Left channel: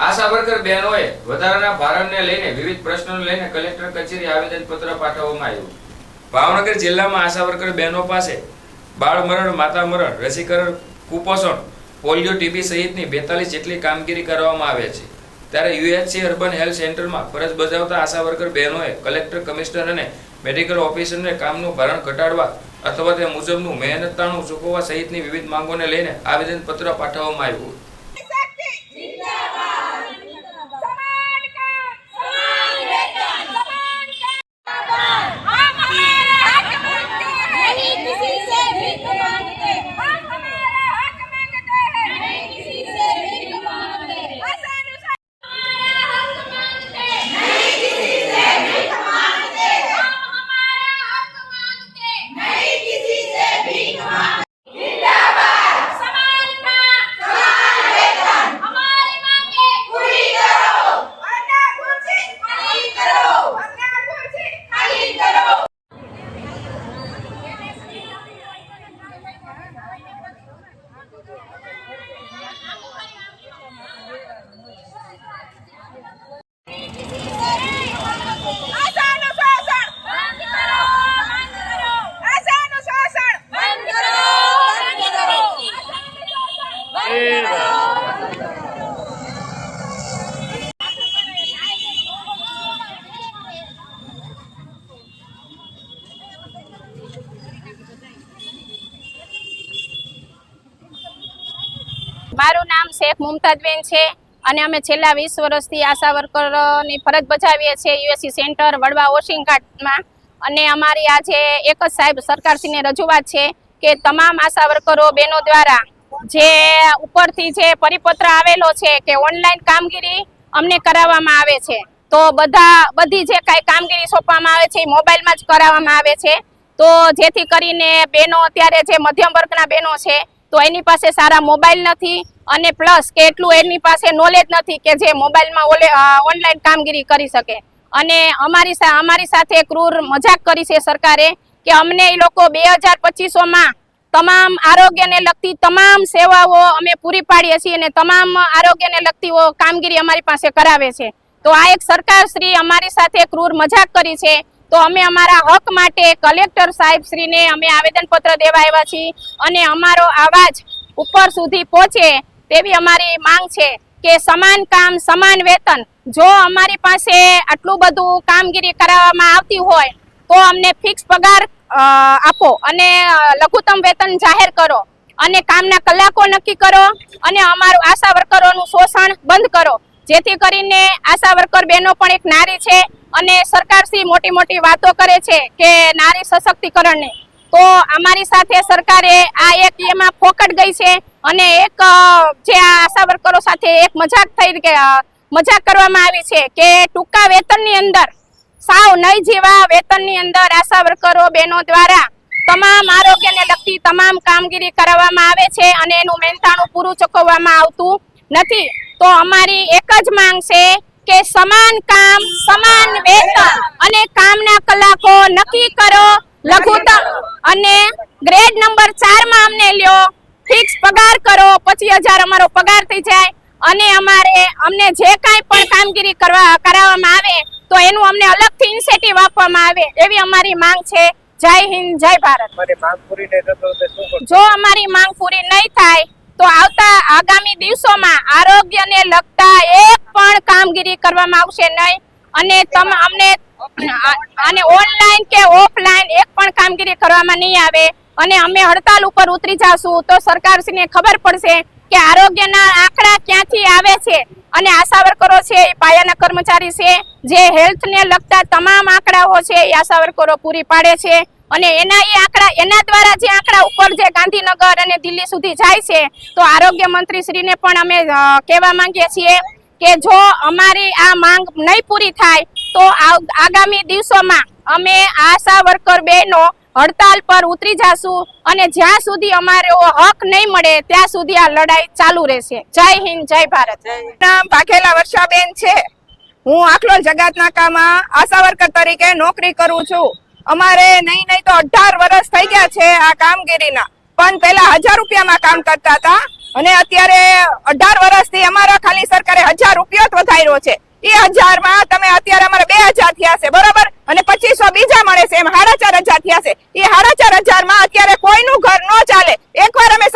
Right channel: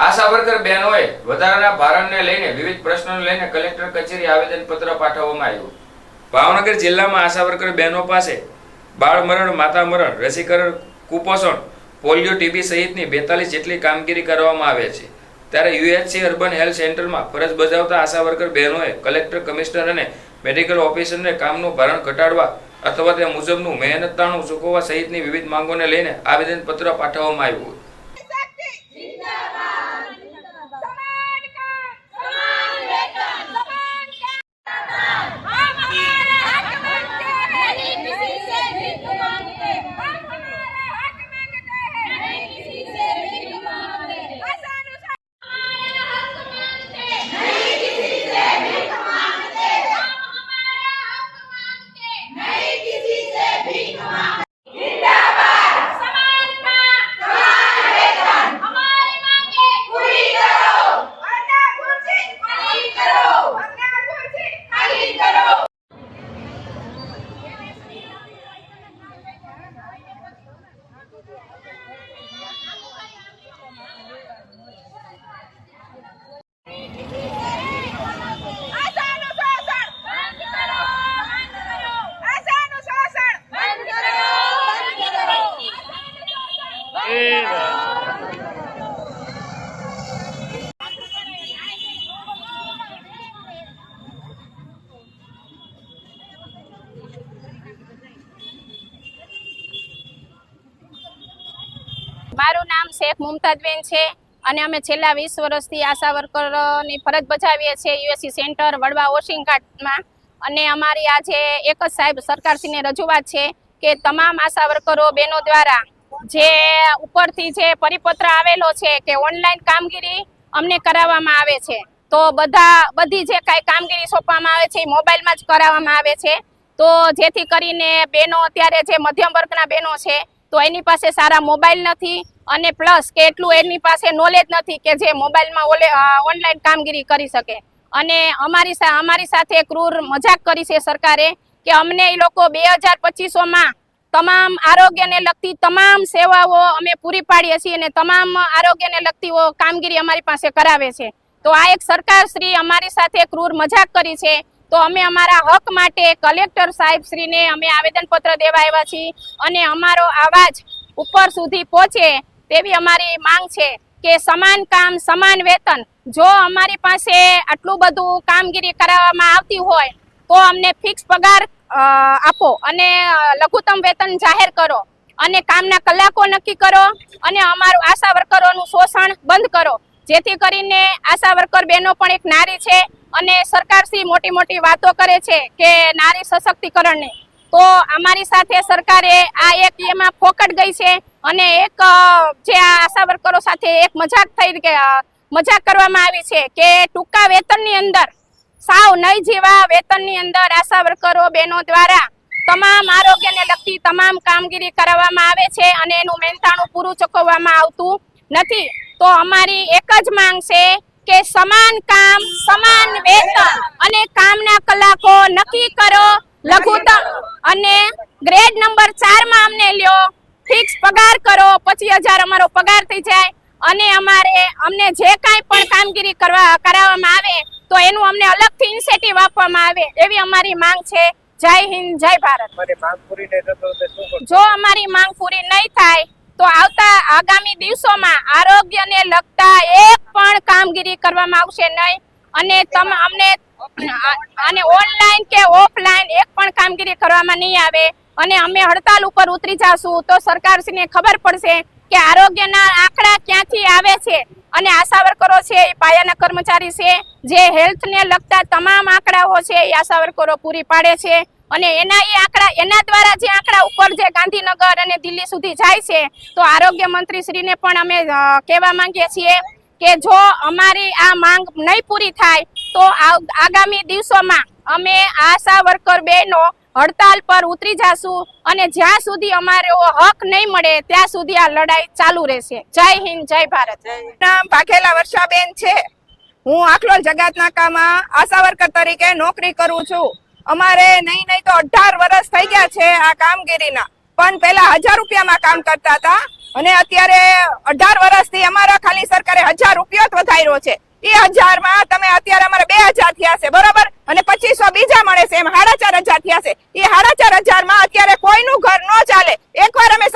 આશા worker બહેનોએ વધારાના ભારણને લઈને વિવિધ પ્રશ્નોને લઈને કલેક્ટર કચેરી આવેદનપત્ર પાઠવવામાં આવ્યું. ભાવનગર જિલ્લામાં આશાવર્કર બહેનો પાસે બાળ મરણ માતા મરણ રસીકરણ, કુપોષણ, પોલિયો, ટીબી સહિતની બેતાલીસ જેટલી કામગીરી કરવામાં આવે છે. ત્યારે યુએચસી અર્બન હેલ્થ સેન્ટરમાં ફરજ બજાવતા આશા વર્કર બહેનોએ કલેક્ટર, કમિશનર અને મેડિકલ ઓફિસરને કામનું ભારણ ઘટાડવા અથવા તે મુજબનું મહેનતાણું ચૂકવવા સહિતની વિવિધ માંગોને લઈને આવેદનપત્ર પાઠવવામાં આવ્યું. સમાન શેખ મુમતાજબેન છે અને અમે છેલ્લા વીસ વર્ષથી આશા વર્કરની ફરજ બજાવીએ છીએ યુએસસી સેન્ટર વડવા વોશિંગ કાર્ટમાં અને અમારી આજે એક જ સાહેબ સરકારશ્રીને રજૂઆત છે કે તમામ આશા વર્કરો બહેનો દ્વારા જે ઉપરથી જે પરિપત્ર આવેલો છે કે ઓનલાઈન કામગીરી અમને કરાવવામાં આવે છે. તો બધા, બધી જે કાંઈ કામગીરી સોંપવામાં આવે છે એ મોબાઈલમાં જ કરાવવામાં આવે છે. તો જેથી કરીને બહેનો અત્યારે જે મધ્યમ વર્ગના બહેનો છે તો એની પાસે સારા મોબાઈલ નથી. અને પ્લસ કે એટલું એની પાસે નોલેજ નથી કે જે મોબાઈલમાં ઓલે ઓનલાઈન કામગીરી કરી શકે. અને અમારી અમારી સાથે ક્રૂર મજાક કરી છે સરકારે કે અમને એ લોકો બે હજાર પચીસોમાં તમામ આરોગ્યને લગતી તમામ સેવાઓ અમે પૂરી પાડીએ છીએ અને તમામ આરોગ્યને લગતી કામગીરી અમારી પાસે કરાવે છે. તો આ એક સરકાર શ્રી અમારી સાથે ક્રૂર મજાક કરી છે. તો અમે અમારા હક માટે કલેક્ટર સાહેબ શ્રીને અમે આવેદનપત્ર દેવા આવ્યા છીએ અને અમારો અવાજ ઉપર સુધી પહોંચે તેવી અમારી માંગ છે કે સમાન કામ, સમાન વેતન જો અમારી પાસે આટલું બધું કામગીરી કરાવવામાં આવતી હોય તો અમને ફિક્સ પગાર આપો અને લઘુત્તમ વેતન જાહેર કરો અને કામના કલાકો નક્કી કરો અને અમારું આશા વર્કરોનું શોષણ બંધ કરો. જેથી કરીને આશા વર્કર બહેનો પણ એક નારી છે અને સરકારશ્રી મોટી મોટી વાતો કરે છે કે નારી સશક્તિકરણની તો અમારી સાથે સરકારે આ એક એમાં ફોકટ ગઈ છે અને એક જે આશા વર્કરો સાથે એક મજાક થઈ કે મજાક કરવામાં આવી છે કે ટૂંકા વેતનની અંદર, સાવ નહીં જેવા વેતનની અંદર આશા વર્કરો બહેનો દ્વારા તમામ આરોગ્યને લગતી તમામ કામગીરી કરાવવામાં આવે છે અને એનું મહેનતાણું પૂરું ચૂકવવામાં આવતું નથી. તો અમારી એક જ માંગ છે કે સમાન કામ, સમાન વેતન અને કામના કલાકો નક્કી કરો લઘુત્તમ. અને ગ્રેડ નંબર 4 માં અમને લ્યો. ફિક્સ પગાર કરો પચીસ હજાર અમારો પગાર થઈ જાય. અને અમારે અમને જે કાંઈ પણ કામગીરી કરવા કરાવવામાં આવે તો એનું અમને અલગથી ઇન્સેટિવ આપવામાં આવે. એવી અમારી માંગ છે. જય હિન્દ જય ભારત? જો અમારી માંગ પૂરી નહીં થાય તો આવતા આગામી દિવસોમાં આરોગ્યને લગતા એક પણ કામગીરી કરવામાં આવશે નહીં. અને તમ અમને અને ઓનલાઈન કે ઓફલાઈન એક પણ કામગીરી કરવામાં નહીં આવે અને અમે હડતાલ ઉપર ઉતરી જાશું તો સરકારશ્રીને ખબર પડશે કે આરોગ્યના આંકડા ક્યાંથી આવે છે અને આશા વર્કરો છે એ પાયાના કર્મચારી છે, જે હેલ્થને લગતા તમામ આંકડાઓ છે એ આશા વર્કરો પૂરી પાડે છે અને એના એ આંકડા, એના દ્વારા જે આંકડા ઉપર જે ગાંધીનગર અને દિલ્હી સુધી જાય છે, તો આરોગ્ય મંત્રી શ્રીને પણ અમે કહેવા માંગીએ છીએ કે જો અમારી આ માંગ નહીં પૂરી થાય, તો આગામી દિવસોમાં અમે આશા વર્કર બહેનો હડતાલ પર ઉતરી જાશું અને જ્યાં સુધી અમારો હક નહીં મળે, ત્યાં સુધી આ લડાઈ ચાલુ રહેશે. જય હિન્દ, જય ભારત. નામ ભાખેલા વર્ષાબેન છે. હું આખલોલ જગતનાકામાં આશા વર્કર તરીકે નોકરી કરું છું. અમારે નહીં નહીં તો અઢાર વર્ષ થઈ ગયા છે આ કામગીરીના. પણ પહેલા હજાર રૂપિયામાં કામ કરતા હતા અને અત્યારે અઢાર વર્ષથી અમારા ખાલી સરકારે હજાર રૂપિયો જ વધાર્યો છે. એ હજારમાં તમે અત્યારે અમારે બે હજાર થયા છે, બરોબર? અને પચીસો બીજા મળે છે, એમ સાડા ચાર હજાર થયા છે. એ સાડા ચાર હજારમાં અત્યારે કોઈનું ઘર ન ચાલે. એકવાર અમે